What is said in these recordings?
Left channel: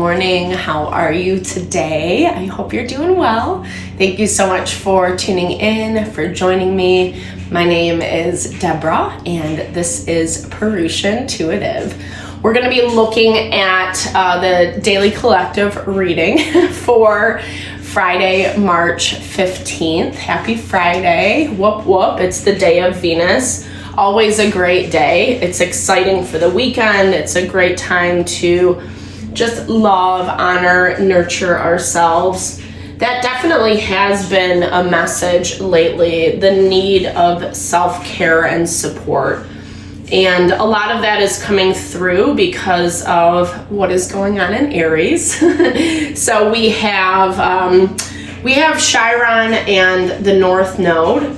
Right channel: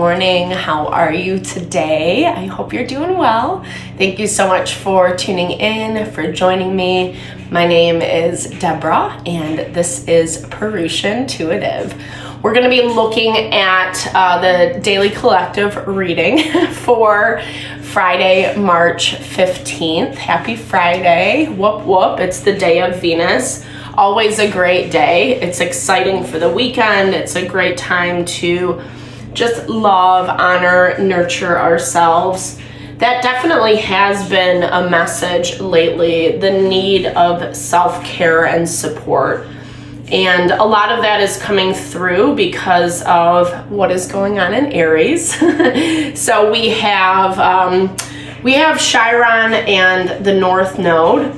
morning. How are you today? I hope you're doing well. Thank you so much for tuning in, for joining me. My name is Deborah, and this is Purusha Intuitive. We're going to be looking at the Daily Collective reading for Friday, March 15th. Happy Friday. Whoop, whoop. It's the day of Venus. Always a great day. It's exciting for the weekend. It's a great time to just love, honor, nurture ourselves. That definitely has been a message lately, the need of self-care and support. And a lot of that is coming through because of what is going on in Aries. So we have Chiron and the North Node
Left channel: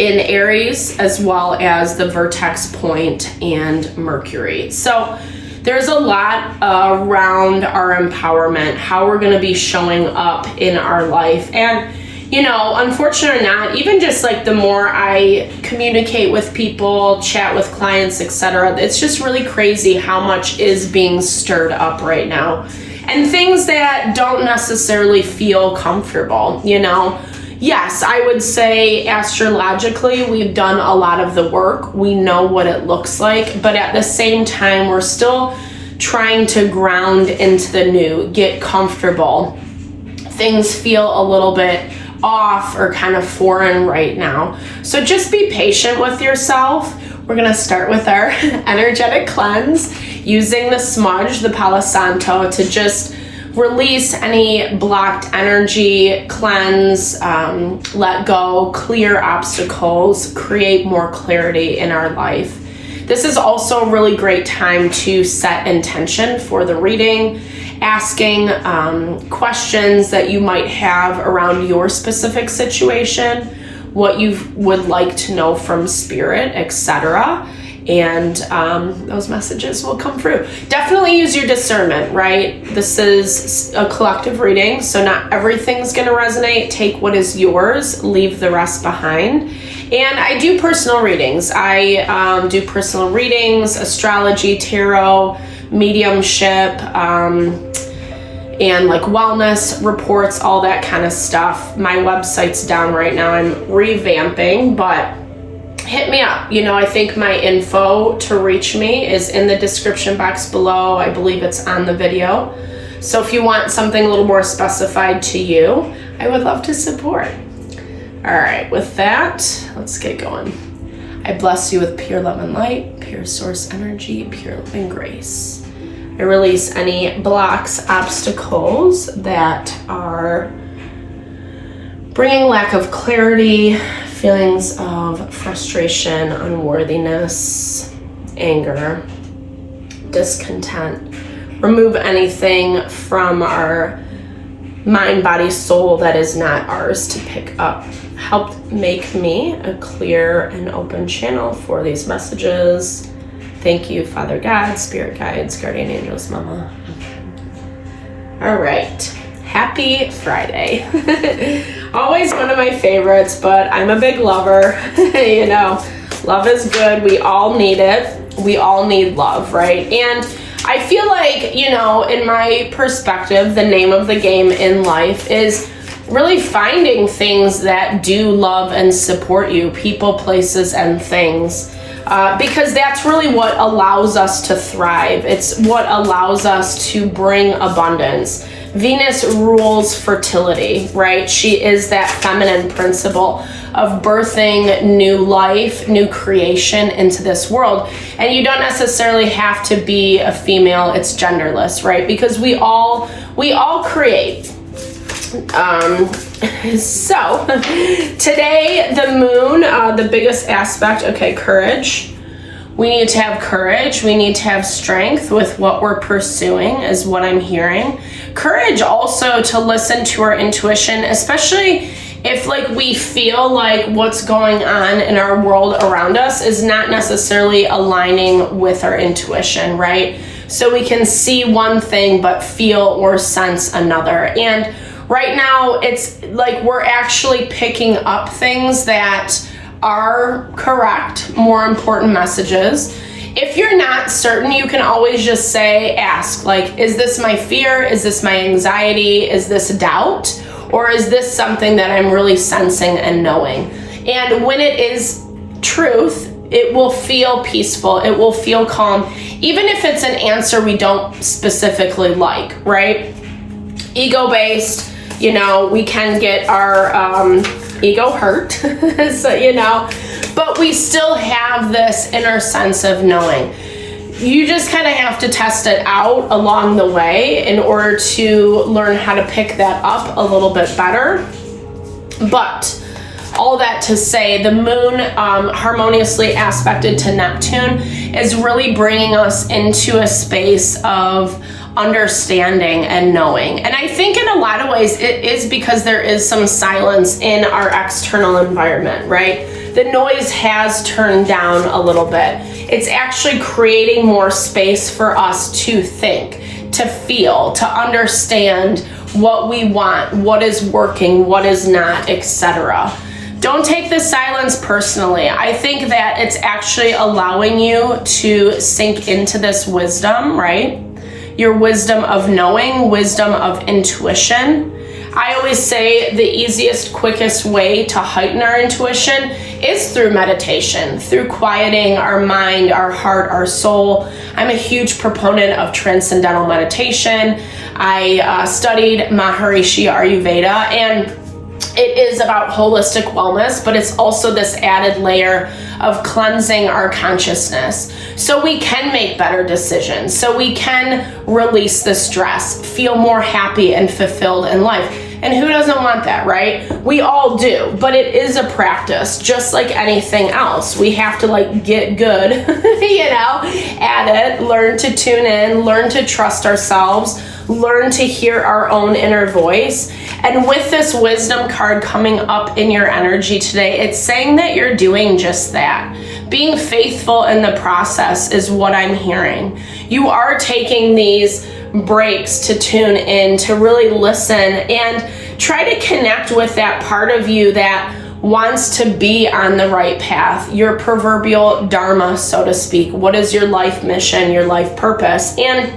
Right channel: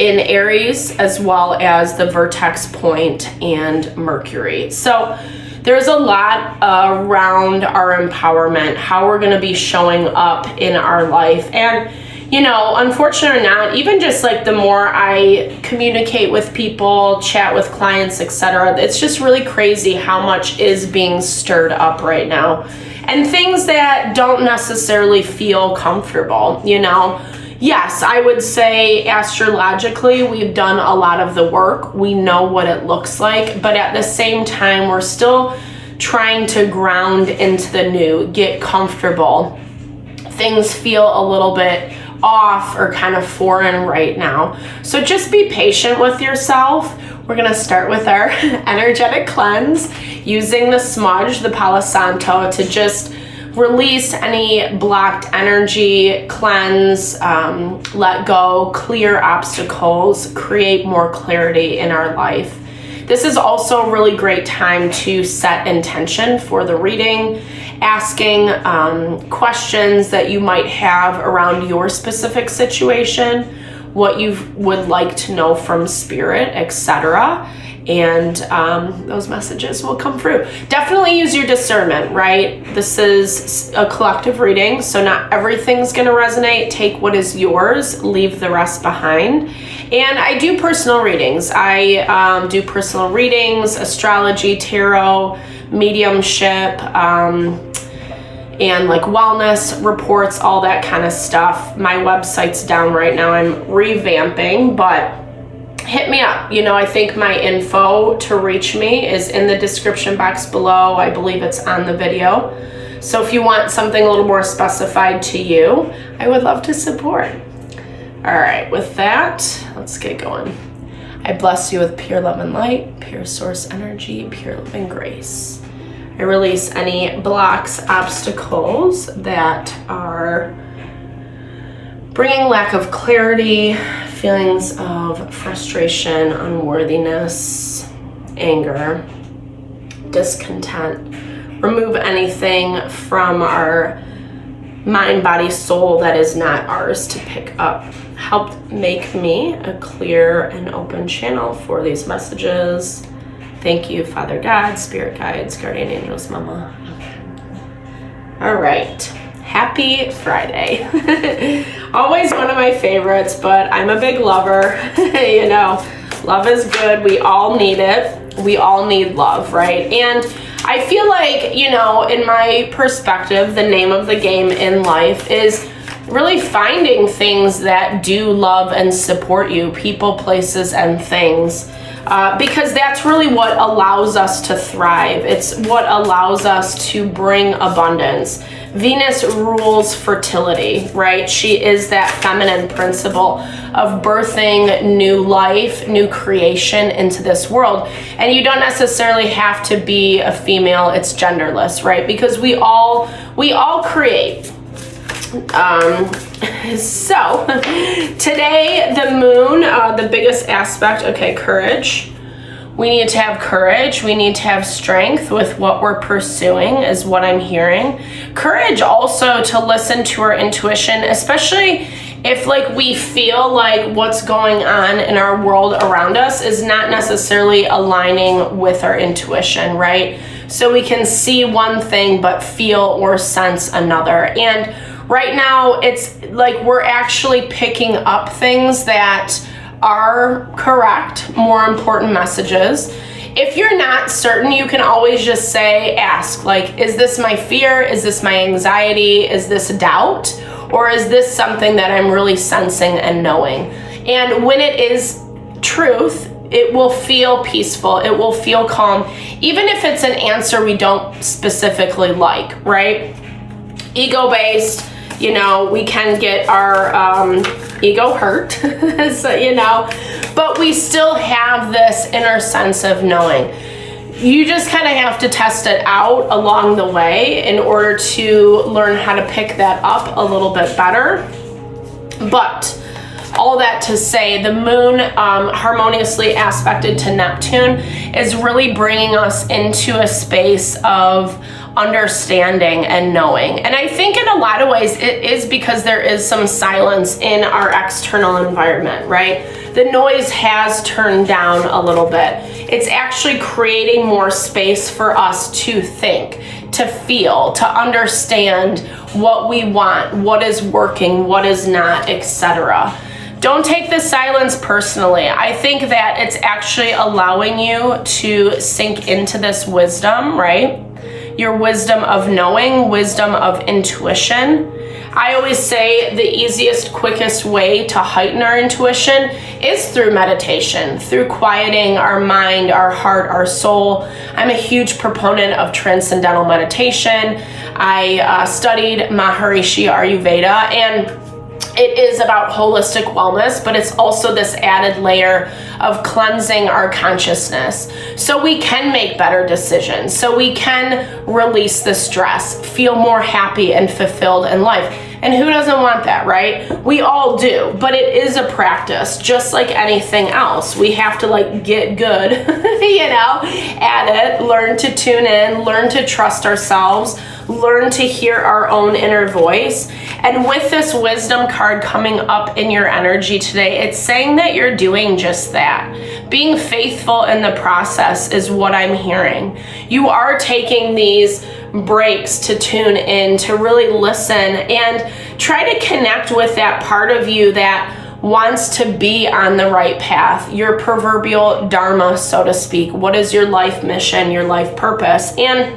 in Aries, as well as the vertex point and Mercury. So there's a lot around our empowerment, how we're going to be showing up in our life. And, you know, unfortunately or not, even just like the more I communicate with people, chat with clients, etc., it's just really crazy how much is being stirred up right now. And things that don't necessarily feel comfortable, you know. Yes, I would say astrologically, we've done a lot of the work. We know what it looks like, but at the same time, we're still trying to ground into the new, get comfortable. Things feel a little bit off or kind of foreign right now. So just be patient with yourself. We're going to start with our energetic cleanse using the smudge, the Palo Santo, to just release any blocked energy, cleanse, let go, clear obstacles, create more clarity in our life. This is also a really great time to set intention for the reading, asking questions that you might have around your specific situation, what you would like to know from spirit, etc. And those messages will come through. Definitely use your discernment, right? This is a collective reading, so not everything's going to resonate. Take what is yours, leave the rest behind. And I do personal readings. I do personal readings, astrology, tarot, mediumship, and like wellness reports, all that kind of stuff. My website's down right now. I'm revamping, but hit me up. You know, I think my info to reach me is in the description box below. I believe it's on the video. So if you want something a little more specified to you, I would love to support. All right, with that, let's get going. I bless you with pure love and light, pure source energy, pure love and grace. I release any blocks, obstacles that are bringing lack of clarity, feelings of frustration, unworthiness, anger, discontent. Remove anything from our mind, body, soul that is not ours to pick up. Help make me a clear and open channel for these messages. Thank you, Father God, Spirit Guides, Guardian Angels, Mama. All right. Happy Friday. Always one of my favorites, but I'm a big lover. You know, love is good. We all need it. We all need love, right? And I feel like, you know, in my perspective, the name of the game in life is really finding things that do love and support you, people, places, and things. Because that's really what allows us to thrive. It's what allows us to bring abundance. Venus rules fertility, right? She is that feminine principle of birthing new life, new creation into this world. And you don't necessarily have to be a female, it's genderless, right? Because we all create. So today, the moon, the biggest aspect, okay, courage. We need to have courage. We need to have strength with what we're pursuing is what I'm hearing. Courage also to listen to our intuition, especially if like we feel like what's going on in our world around us is not necessarily aligning with our intuition, right? So we can see one thing but feel or sense another. And right now it's like we're actually picking up things that are correct, more important messages. if you're not certain, you can always just ask, like, is this my fear? Is this my anxiety? Is this doubt? Or is this something that I'm really sensing and knowing? And when it is truth, it will feel peaceful. It will feel calm, even if it's an answer we don't specifically like, right? Ego-based, we can get our ego hurt, so, but we still have this inner sense of knowing. You just kind of have to test it out along the way in order to learn how to pick that up a little bit better. But all that to say, the moon harmoniously aspected to Neptune is really bringing us into a space of understanding and knowing. And I think in a lot of ways it is because there is some silence in our external environment, right? The noise has turned down a little bit. It's actually creating more space for us to think, to feel, to understand what we want, what is working, what is not, etc. Don't take the silence personally. I think that it's actually allowing you to sink into this wisdom, right? Your wisdom of knowing, wisdom of intuition. I always say the easiest, quickest way to heighten our intuition is through meditation, through quieting our mind, our heart, our soul. I'm a huge proponent of transcendental meditation. I studied Maharishi Ayurveda, and it is about holistic wellness, but it's also this added layer of cleansing our consciousness so we can make better decisions, so we can release the stress, feel more happy and fulfilled in life. And who doesn't want that, right? We all do, but it is a practice, just like anything else. We have to get good, at it, learn to tune in, learn to trust ourselves, learn to hear our own inner voice. And with this wisdom card coming up in your energy today, it's saying that you're doing just that. Being faithful in the process is what I'm hearing. You are taking these breaks to tune in, to really listen and try to connect with that part of you that wants to be on the right path, your proverbial dharma, so to speak. What is your life mission, your life purpose? And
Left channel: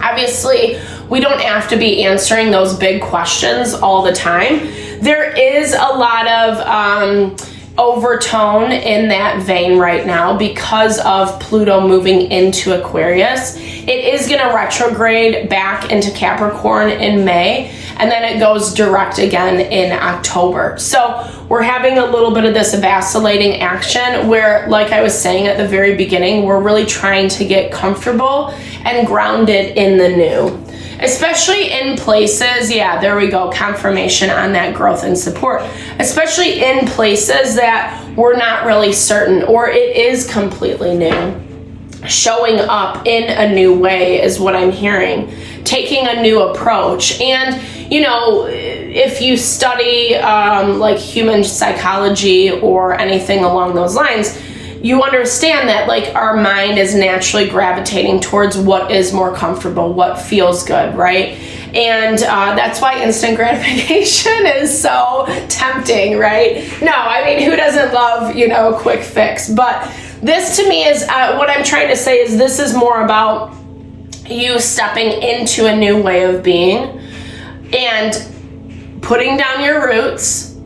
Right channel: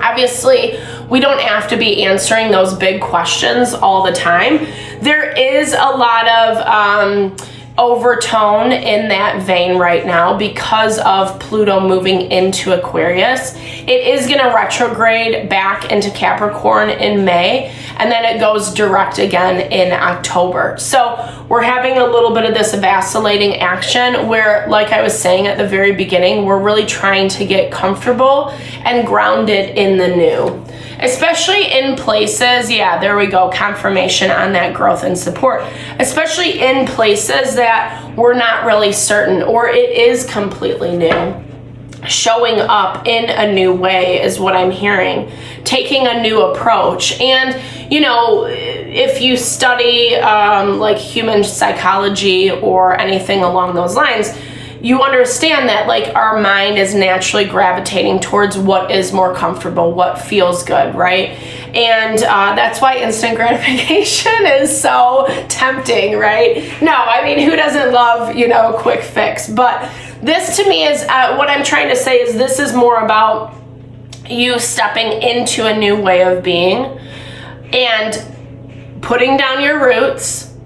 obviously, we don't have to be answering those big questions all the time. There is a lot of overtone in that vein right now because of Pluto moving into Aquarius. It is going to retrograde back into Capricorn in May, and then it goes direct again in October. So we're having a little bit of this vacillating action where, like I was saying at the very beginning, we're really trying to get comfortable and grounded in the new. Especially in places, there we go, confirmation on that growth and support. Especially in places that we're not really certain, or it is completely new. Showing up in a new way is what I'm hearing. Taking a new approach. And, if you study human psychology or anything along those lines, you understand that our mind is naturally gravitating towards what is more comfortable, what feels good, right? And that's why instant gratification is so tempting, right? No, I mean, who doesn't love, quick fix? But this to me is, what I'm trying to say is this is more about you stepping into a new way of being and putting down your roots,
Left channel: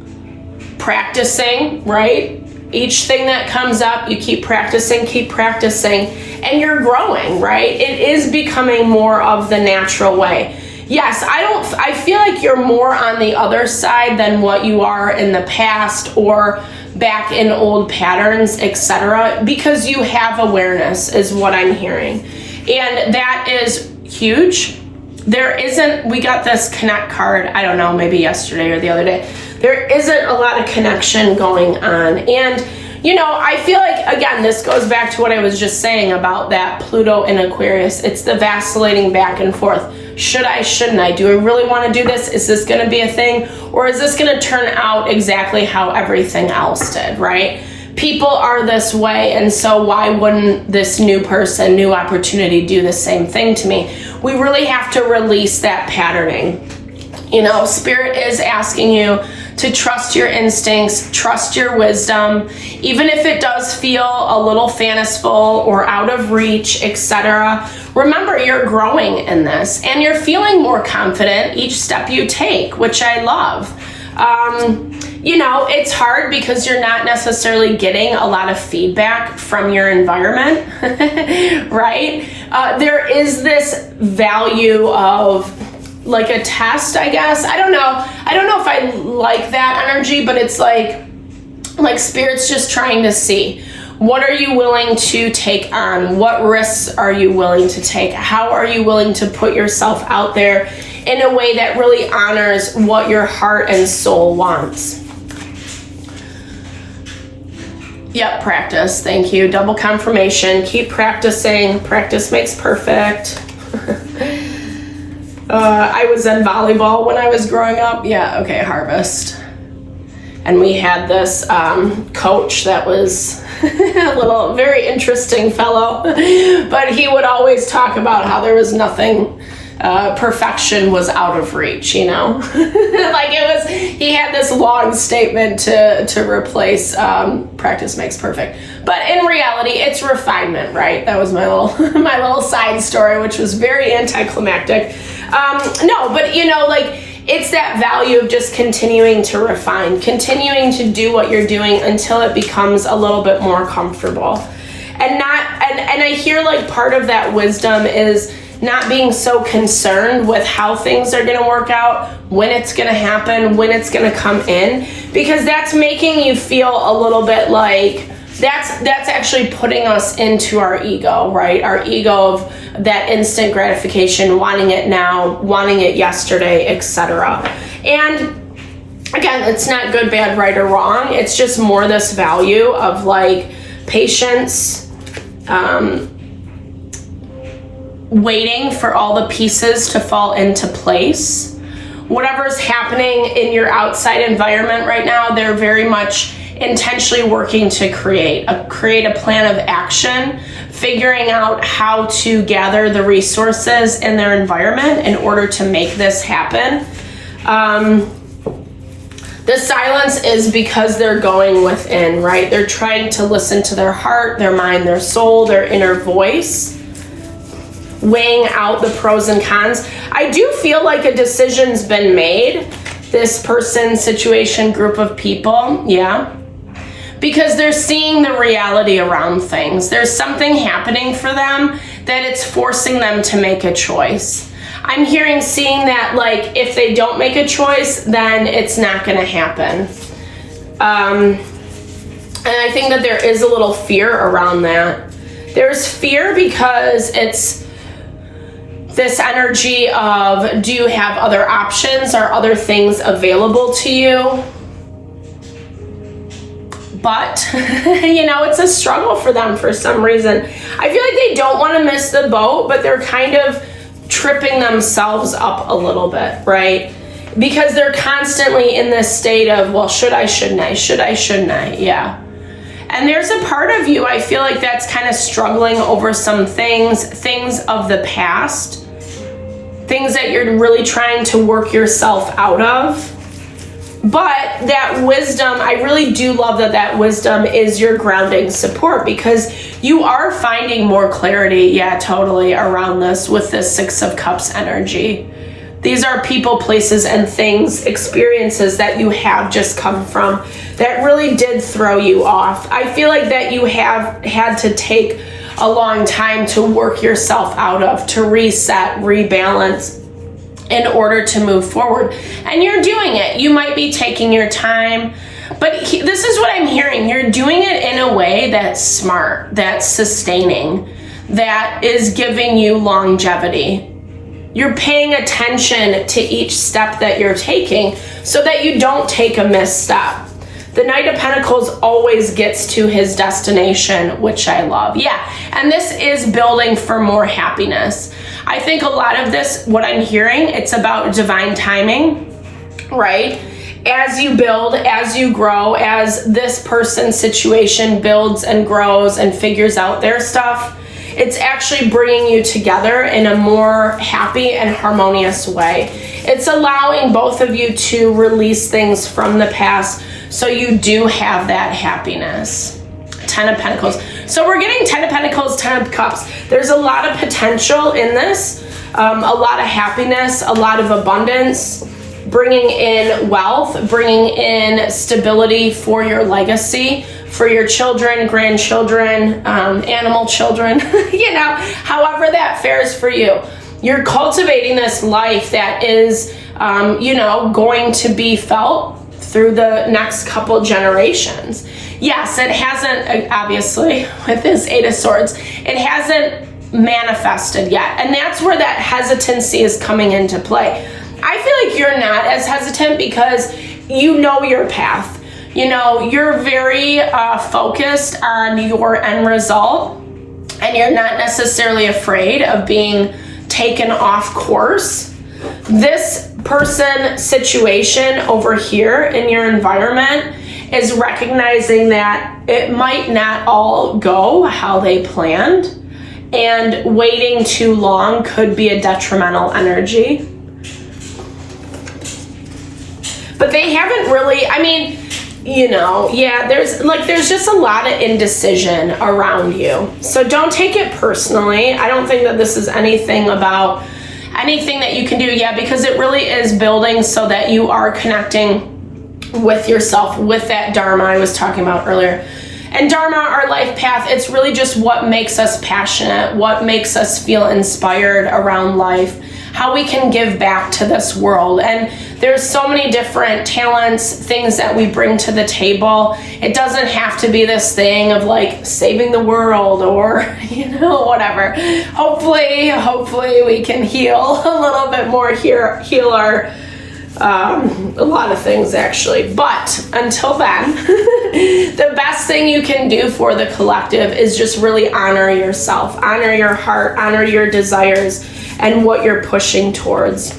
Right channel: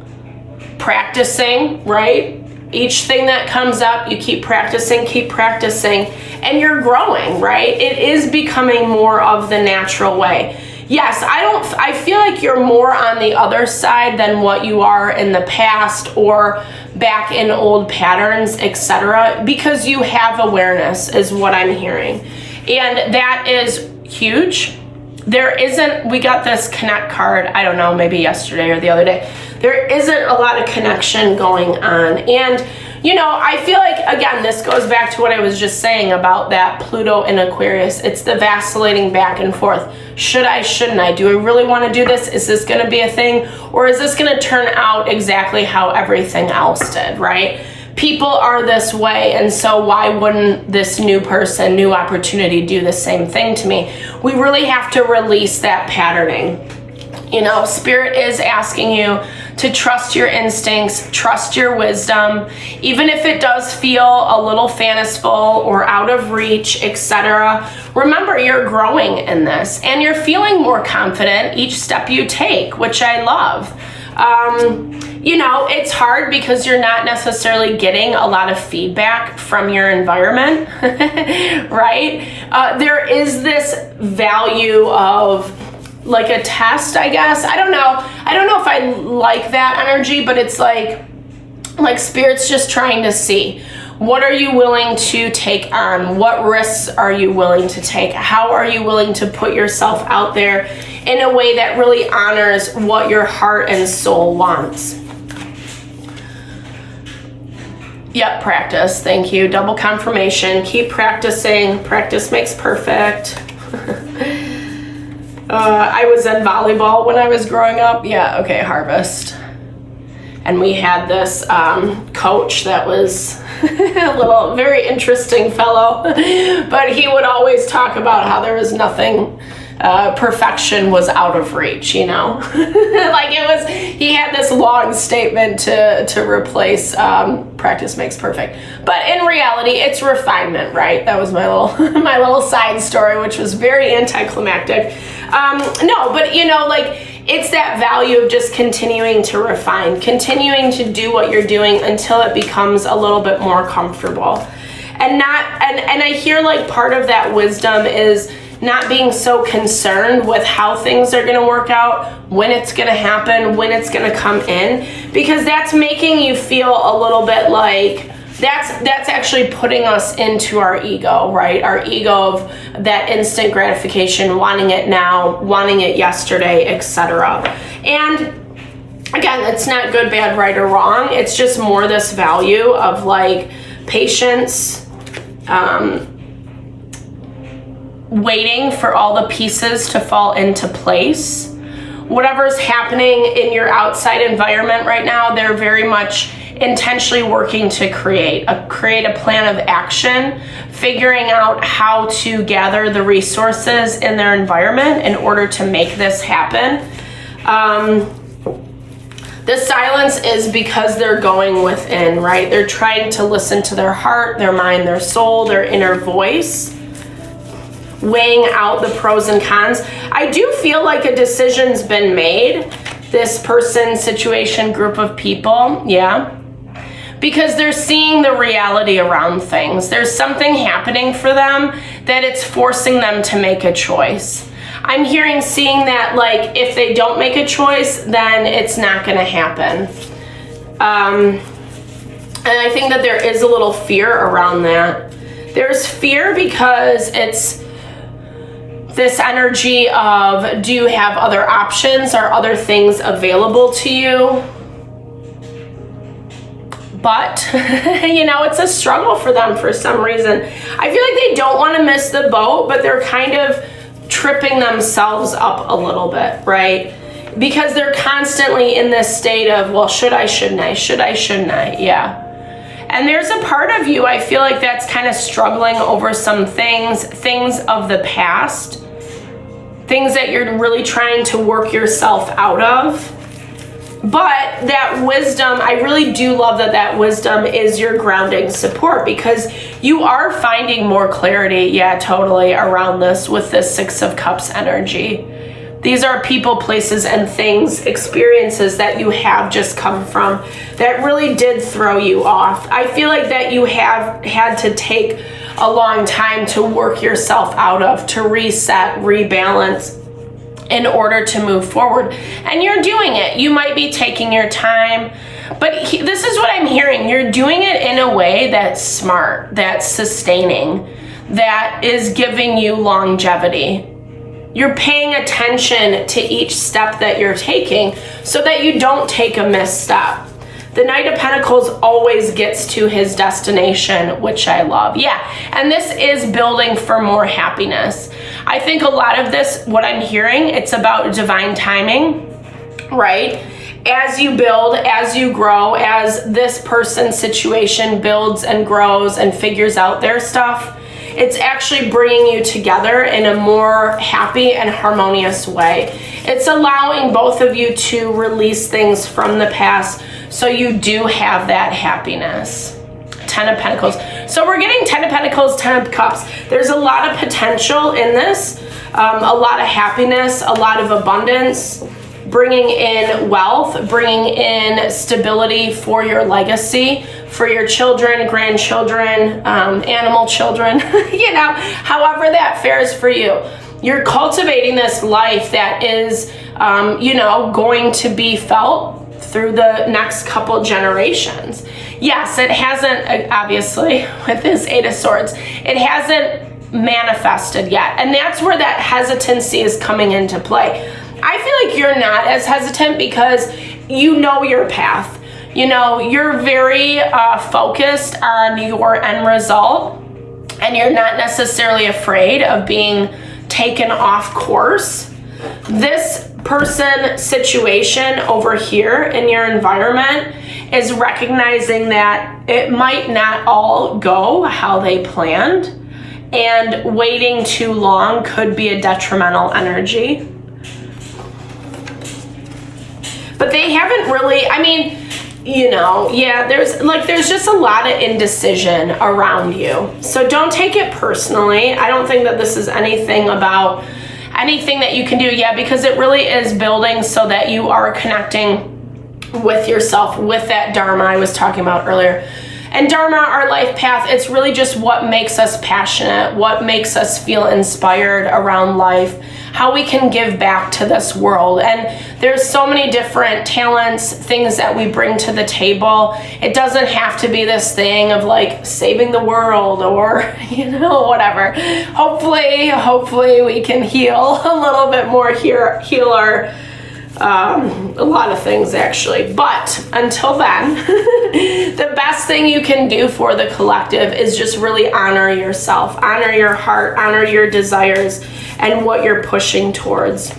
practicing, right? Each thing that comes up, you keep practicing, and you're growing, right? It is becoming more of the natural way. Yes, I feel like you're more on the other side than what you are in the past or back in old patterns, etc., because you have awareness is what I'm hearing. And that is huge. We got this connect card, I don't know, maybe yesterday or the other day. There isn't a lot of connection going on. And, I feel like, again, this goes back to what I was just saying about that Pluto in Aquarius. It's the vacillating back and forth. Should I, shouldn't I? Do I really want to do this? Is this going to be a thing? Or is this going to turn out exactly how everything else did, right? People are this way, and so why wouldn't this new person, new opportunity do the same thing to me? We really have to release that patterning. Spirit is asking you to trust your instincts, trust your wisdom, even if it does feel a little fanciful or out of reach, etc. Remember, you're growing in this and you're feeling more confident each step you take, which I love. You know, it's hard because you're not necessarily getting a lot of feedback from your environment, right? There is this value of like a test, I guess. I don't know if I like that energy, but it's like Spirit's just trying to see, what are you willing to take on? What risks are you willing to take? How are you willing to put yourself out there in a way that really honors what your heart and soul wants? Yep, practice. Thank you. Double confirmation. Keep practicing. Practice makes perfect. I was in volleyball when I was growing up. Yeah, okay, Harvest. And we had this coach that was a little, very interesting fellow. But he would always talk about how there was nothing, perfection was out of reach, you know? Like he had this long statement to replace practice makes perfect. But in reality, it's refinement, right? That was my little side story, which was very anticlimactic. No, but you know, like, it's that value of just continuing to refine, continuing to do what you're doing until it becomes a little bit more comfortable. And I hear like part of that wisdom is not being so concerned with how things are going to work out, when it's going to happen, when it's going to come in, because that's making you feel a little bit like that's actually putting us into our ego, right? Our ego of that instant gratification, wanting it now, wanting it yesterday, etc. And again, it's not good, bad, right, or wrong. It's just more this value of like patience, waiting for all the pieces to fall into place. Whatever's happening in your outside environment right now, they're very much intentionally working to create a plan of action, figuring out how to gather the resources in their environment in order to make this happen. The silence is because they're going within, right? They're trying to listen to their heart, their mind, their soul, their inner voice, weighing out the pros and cons. I do feel like a decision's been made, this person, situation, group of people, yeah. Because they're seeing the reality around things. There's something happening for them that it's forcing them to make a choice. I'm seeing that like if they don't make a choice, then it's not gonna happen. And I think that there is a little fear around that. There's fear because it's this energy of, do you have other options? Are other things available to you? But, you know, it's a struggle for them for some reason. I feel like they don't want to miss the boat, but they're kind of tripping themselves up a little bit, right? Because they're constantly in this state of, well, should I, shouldn't I? Should I, shouldn't I? Yeah. And there's a part of you, I feel like that's kind of struggling over some things of the past, things that you're really trying to work yourself out of. But that wisdom, I really do love that wisdom is your grounding support, because you are finding more clarity, yeah, totally, around this with this Six of Cups energy. These are people, places, and things, experiences that you have just come from that really did throw you off. I feel like that you have had to take a long time to work yourself out of, to reset, rebalance, in order to move forward. And you're doing it. You might be taking your time, but this is what I'm hearing. You're doing it in a way that's smart, that's sustaining, that is giving you longevity. You're paying attention to each step that you're taking so that you don't take a misstep. The Knight of Pentacles always gets to his destination, which I love. Yeah, and this is building for more happiness. I think a lot of this, what I'm hearing, it's about divine timing, right? As you build, as you grow, as this person's situation builds and grows and figures out their stuff, it's actually bringing you together in a more happy and harmonious way. it's allowing both of you to release things from the past so you do have that happiness. 10 of Pentacles. So we're getting 10 of Pentacles, 10 of Cups. There's a lot of potential in this, a lot of happiness, a lot of abundance, bringing in wealth, bringing in stability for your legacy, for your children, grandchildren, animal children, you know, however that fares for you. You're cultivating this life that is, you know, going to be felt through the next couple generations. Yes, it hasn't, obviously, with this Eight of Swords, it hasn't manifested yet. And that's where that hesitancy is coming into play. I feel like you're not as hesitant because you know your path. You know, you're very focused on your end result, and you're not necessarily afraid of being taken off course. This person situation over here in your environment is recognizing that it might not all go how they planned, and waiting too long could be a detrimental energy. But they haven't really, I mean, you know, yeah, there's just a lot of indecision around you. So don't take it personally. I don't think that this is anything about anything that you can do. Yeah, because it really is building so that you are connecting with yourself, with that Dharma I was talking about earlier. And Dharma, our life path, it's really just what makes us passionate, what makes us feel inspired around life, how we can give back to this world. And there's so many different talents, things that we bring to the table. It doesn't have to be this thing of like saving the world or, you know, whatever. Hopefully we can heal a little bit more here, heal our, a lot of things actually. But until then, the best thing you can do for the collective is just really honor yourself, honor your heart, honor your desires, and what you're pushing towards.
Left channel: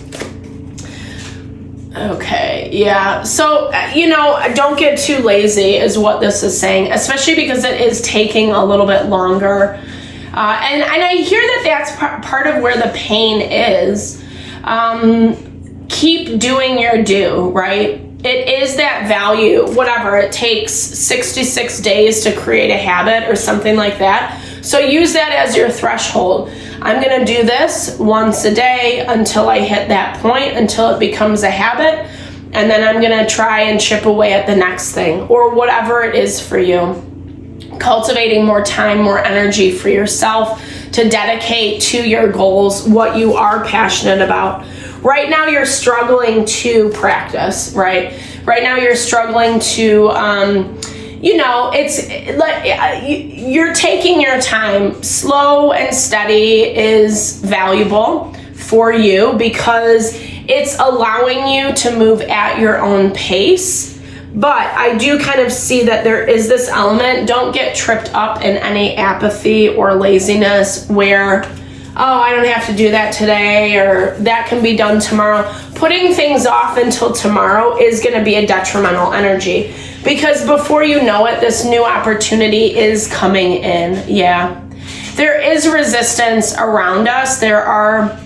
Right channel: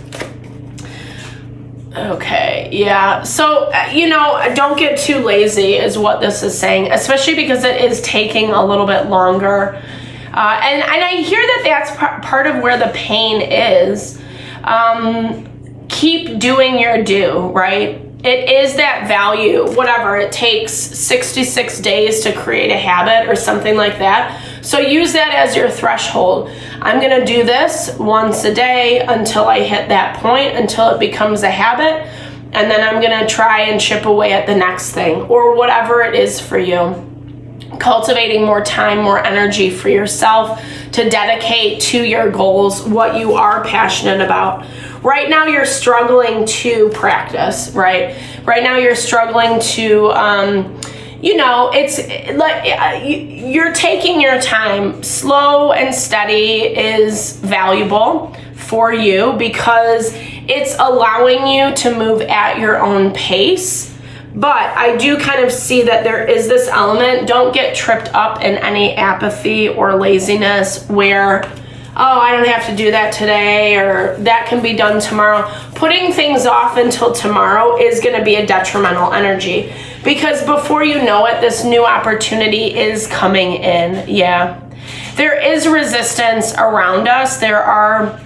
Okay, yeah. So, you know, don't get too lazy is what this is saying, especially because it is taking a little bit longer. And I hear that that's part of where the pain is. Keep doing your due, right? It is that value, whatever. It takes 66 days to create a habit or something like that. So use that as your threshold. I'm going to do this once a day until I hit that point, until it becomes a habit. And then I'm going to try and chip away at the next thing or whatever it is for you. Cultivating more time, more energy for yourself to dedicate to your goals, what you are passionate about. Right now you're struggling to practice, right? Right now you're struggling to, you know, it's like you're taking your time. Slow and steady is valuable for you because it's allowing you to move at your own pace. But I do kind of see that there is this element. Don't get tripped up in any apathy or laziness where, oh, I don't have to do that today or that can be done tomorrow. Putting things off until tomorrow is going to be a detrimental energy because before you know it, this new opportunity is coming in. Yeah. There is resistance around us. There are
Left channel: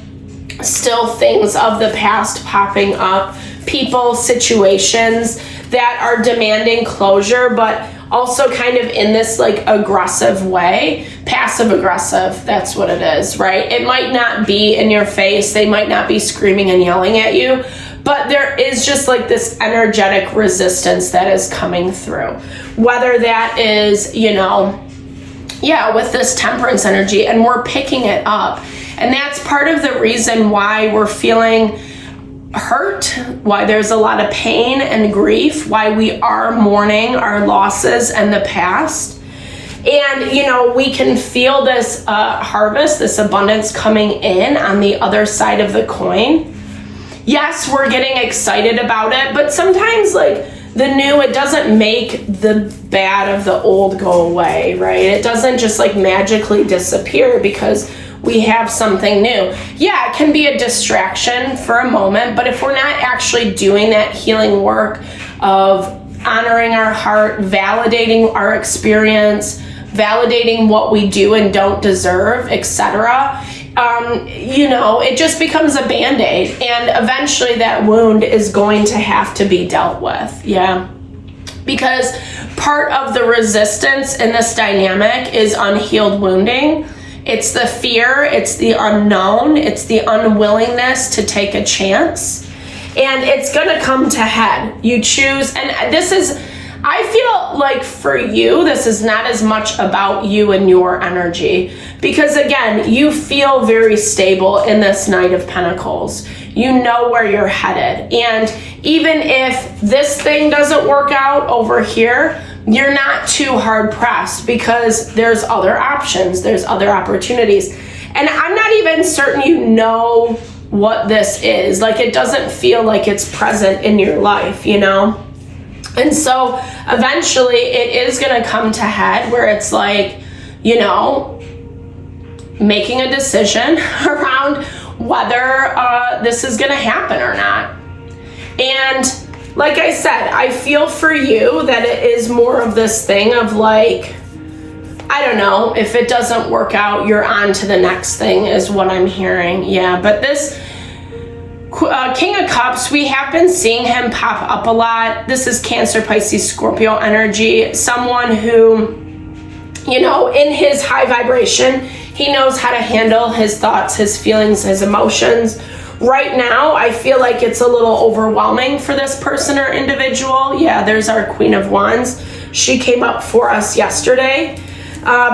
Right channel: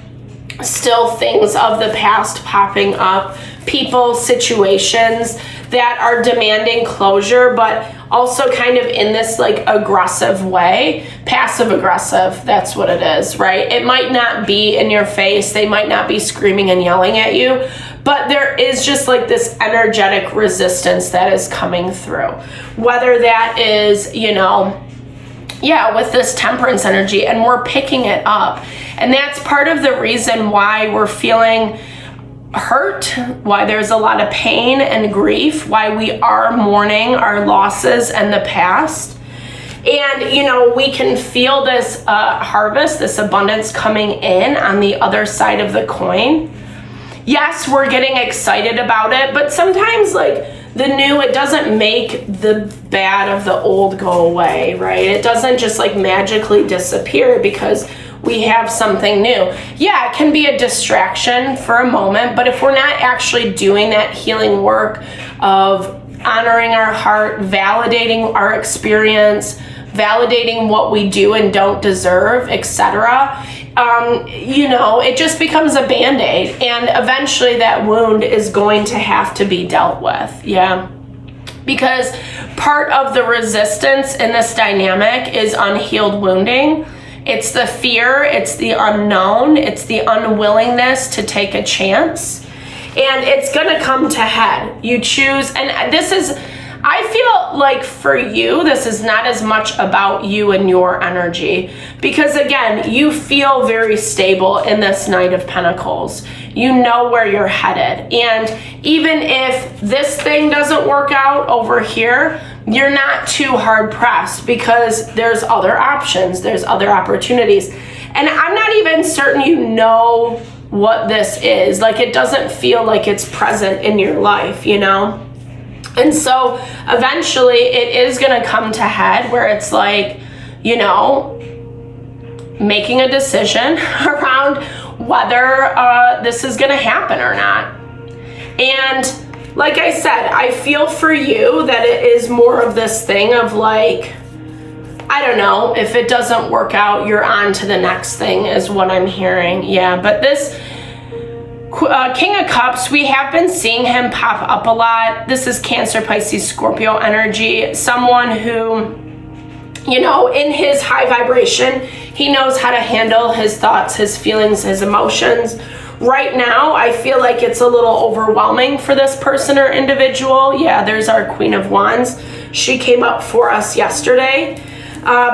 still things of the past popping up, people, situations that are demanding closure, but also kind of in this like aggressive way, passive aggressive, that's what it is, right? It might not be in your face, they might not be screaming and yelling at you, but there is just like this energetic resistance that is coming through. Whether that is, you know, yeah, with this temperance energy, and we're picking it up. And that's part of the reason why we're feeling hurt, why there's a lot of pain and grief, why we are mourning our losses and the past. And, you know, we can feel this harvest, this abundance coming in on the other side of the coin. Yes, we're getting excited about it, but sometimes like the new, it doesn't make the bad of the old go away, right? It doesn't just like magically disappear because we have something new. Yeah, it can be a distraction for a moment, but if we're not actually doing that healing work of honoring our heart, validating our experience, validating what we do and don't deserve, etc., it just becomes a Band-Aid, and eventually that wound is going to have to be dealt with. Yeah. Because part of the resistance in this dynamic is unhealed wounding. It's the fear, it's the unknown, it's the unwillingness to take a chance. And it's gonna come to head. You choose, and this is, I feel like for you, this is not as much about you and your energy, because again, you feel very stable in this Knight of Pentacles. You know where you're headed. And even if this thing doesn't work out over here, you're not too hard pressed, because there's other options, there's other opportunities. And I'm not even certain you know what this is. Like, it doesn't feel like it's present in your life, And so eventually it is going to come to head where it's like, making a decision around whether this is going to happen or not. And like I said, I feel for you that it is more of this thing of like, I don't know, if it doesn't work out, you're on to the next thing is what I'm hearing. Yeah, but this King of Cups, we have been seeing him pop up a lot. This is Cancer, Pisces, Scorpio energy. Someone who, in his high vibration, he knows how to handle his thoughts, his feelings, his emotions. Right now, I feel like it's a little overwhelming for this person or individual. Yeah, there's our Queen of Wands. She came up for us yesterday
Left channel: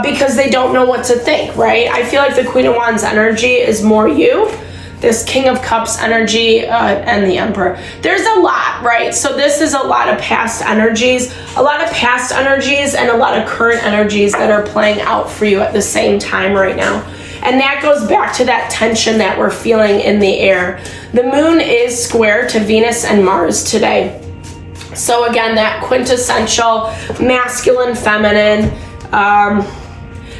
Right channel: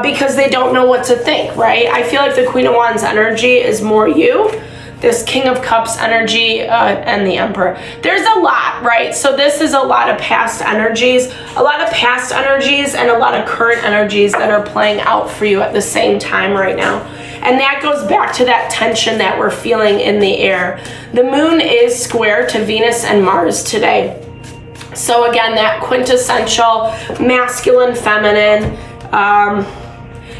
because they don't know what to think, right? I feel like the Queen of Wands energy is more you. This King of Cups energy and the Emperor. There's a lot, right? So this is a lot of past energies, and a lot of current energies that are playing out for you at the same time right now. And that goes back to that tension that we're feeling in the air. The moon is square to Venus and Mars today. So again, that quintessential masculine, feminine,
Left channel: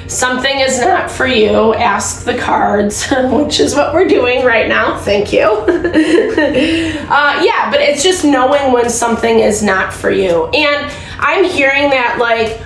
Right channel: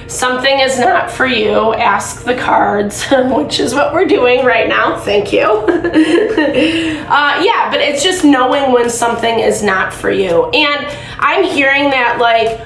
something is not for you, ask the cards, which is what we're doing right now. Thank you. Yeah, but it's just knowing when something is not for you. And I'm hearing that, like,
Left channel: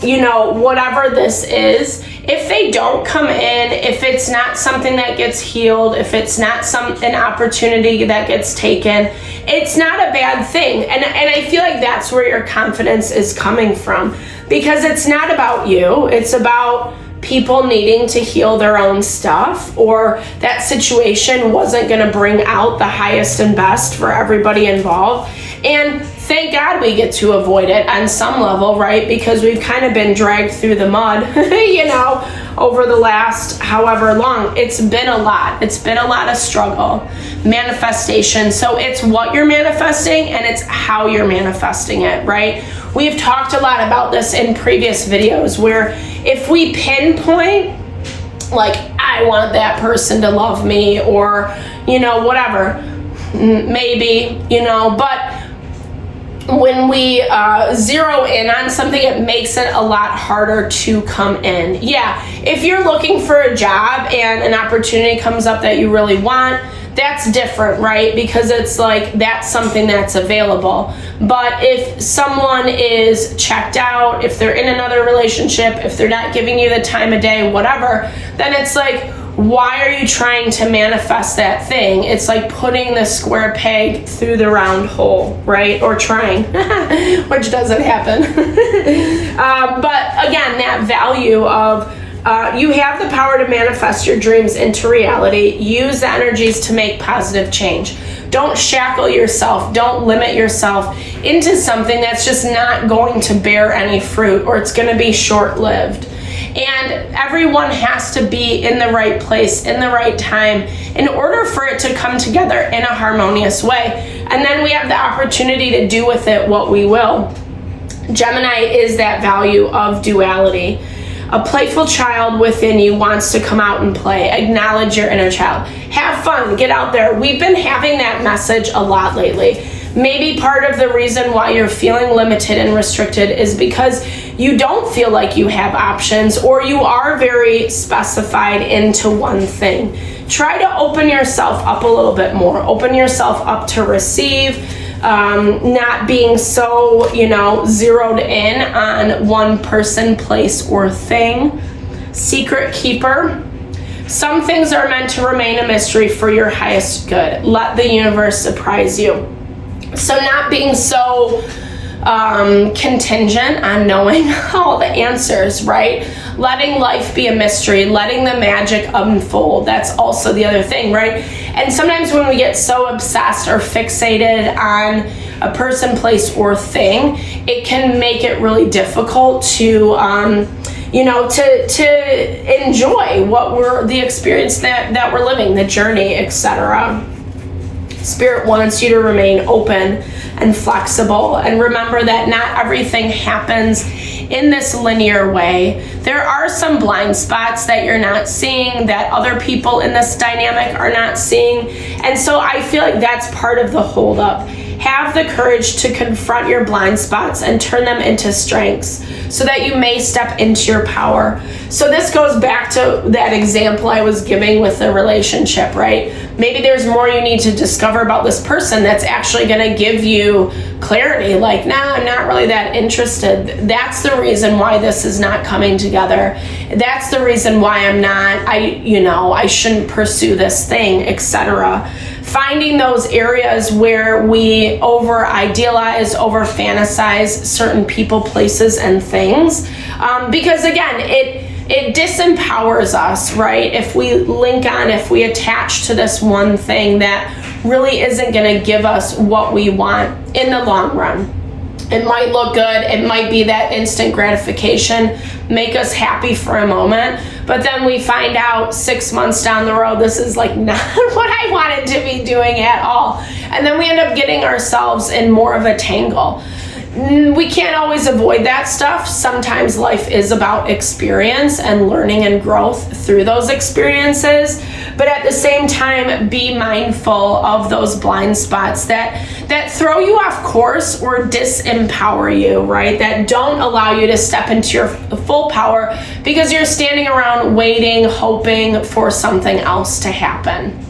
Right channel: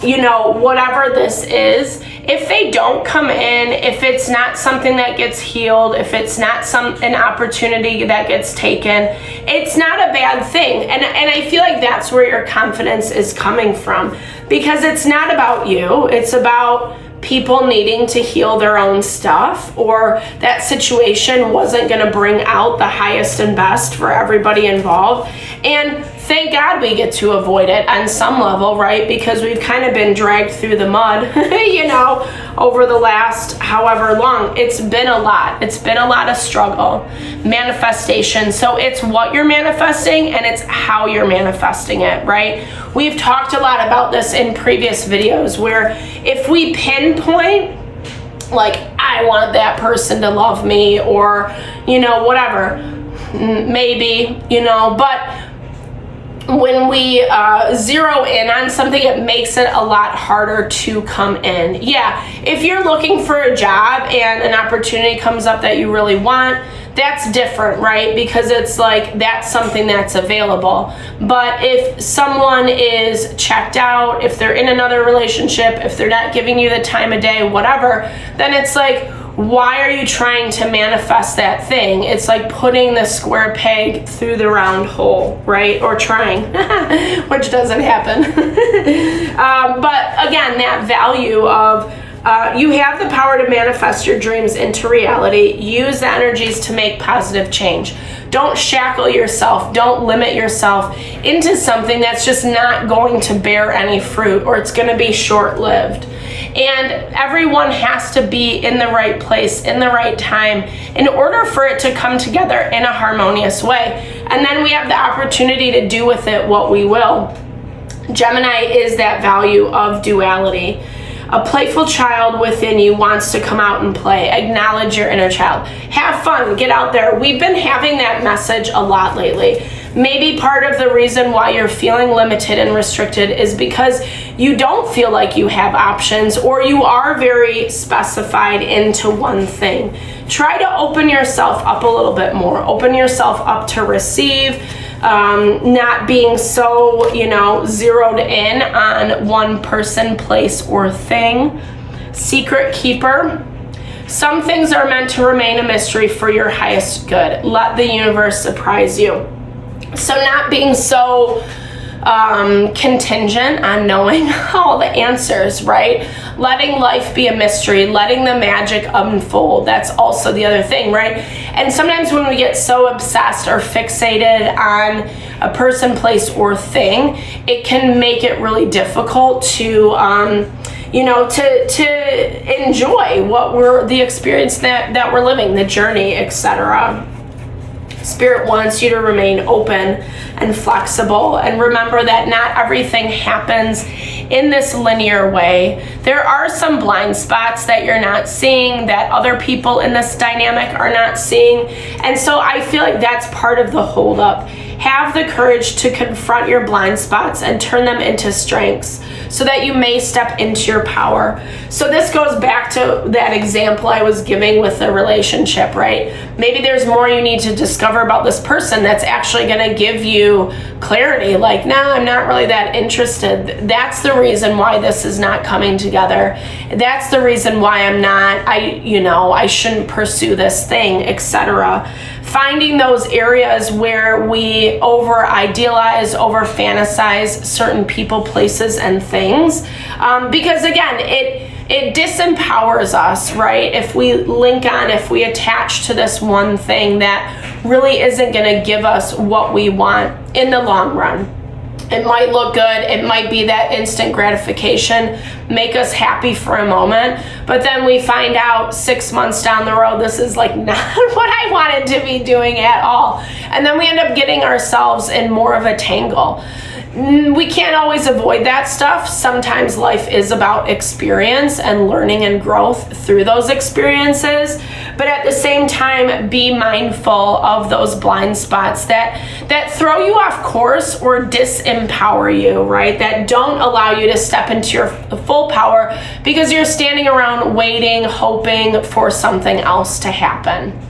whatever this is, if they don't come in, if it's not something that gets healed, if it's not an opportunity that gets taken, it's not a bad thing. And I feel like that's where your confidence is coming from. Because it's not about you, it's about people needing to heal their own stuff, or that situation wasn't going to bring out the highest and best for everybody involved. And thank God we get to avoid it on some level, right? Because we've kind of been dragged through the mud, over the last however long. It's been a lot. It's been a lot of struggle, manifestation. So it's what you're manifesting and it's how you're manifesting it, right? We've talked a lot about this in previous videos, where if we pinpoint, like, I want that person to love me, or, whatever, maybe, but when we zero in on something, it makes it a lot harder to come in. Yeah, if you're looking for a job and an opportunity comes up that you really want, that's different, right? Because it's like, that's something that's available. But if someone is checked out, if they're in another relationship, if they're not giving you the time of day, whatever, then it's like, why are you trying to manifest that thing? It's like putting the square peg through the round hole, right? Or trying, which doesn't happen. But again, that value of you have the power to manifest your dreams into reality. Use the energies to make positive change. Don't shackle yourself. Don't limit yourself into something that's just not going to bear any fruit, or it's going to be short-lived. And everyone has to be in the right place, in the right time, in order for it to come together in a harmonious way. And then we have the opportunity to do with it what we will. Gemini is that value of duality. A playful child within you wants to come out and play. Acknowledge your inner child. Have fun. Get out there. We've been having that message a lot lately. Maybe part of the reason why you're feeling limited and restricted is because you don't feel like you have options, or you are very specified into one thing. Try to open yourself up a little bit more. Open yourself up to receive, not being so, zeroed in on one person, place, or thing. Secret keeper. Some things are meant to remain a mystery for your highest good. Let the universe surprise you. So not being so contingent on knowing all the answers, right? Letting life be a mystery, letting the magic unfold. That's also the other thing, right? And sometimes when we get so obsessed or fixated on a person, place, or thing, it can make it really difficult to to enjoy the experience that we're living, the journey, etc. Spirit wants you to remain open and flexible, and remember that not everything happens in this linear way. There are some blind spots that you're not seeing, that other people in this dynamic are not seeing, and so I feel like that's part of the holdup. Have the courage to confront your blind spots and turn them into strengths so that you may step into your power. So this goes back to that example I was giving with the relationship, right? Maybe there's more you need to discover about this person that's actually going to give you clarity, like, nah, I'm not really that interested. That's the reason why this is not coming together. That's the reason why I shouldn't pursue this thing, etc. Finding those areas where we over idealize, over fantasize certain people, places, and things, because again, it disempowers us, right? If we attach to this one thing that really isn't going to give us what we want in the long run. It might look good, it might be that instant gratification, make us happy for a moment, but then we find out 6 months down the road, this is like not what I wanted to be doing at all. And then we end up getting ourselves in more of a tangle. We can't always avoid that stuff. Sometimes life is about experience and learning and growth through those experiences. But at the same time, be mindful of those blind spots that throw you off course or disempower you, right? That don't allow you to step into your full power because you're standing around waiting, hoping for something else to happen.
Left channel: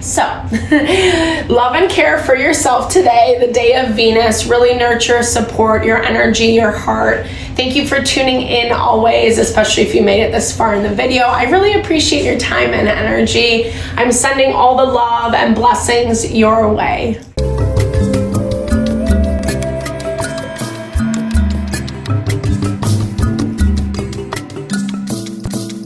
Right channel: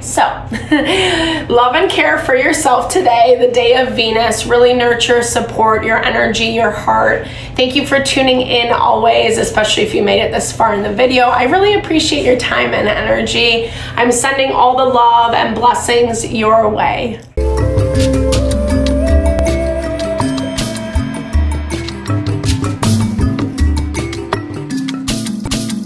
So, love and care for yourself today, the day of Venus. Really nurture, support your energy, your heart. Thank you for tuning in always, especially if you made it this far in the video. I really appreciate your time and energy. I'm sending all the love and blessings your way.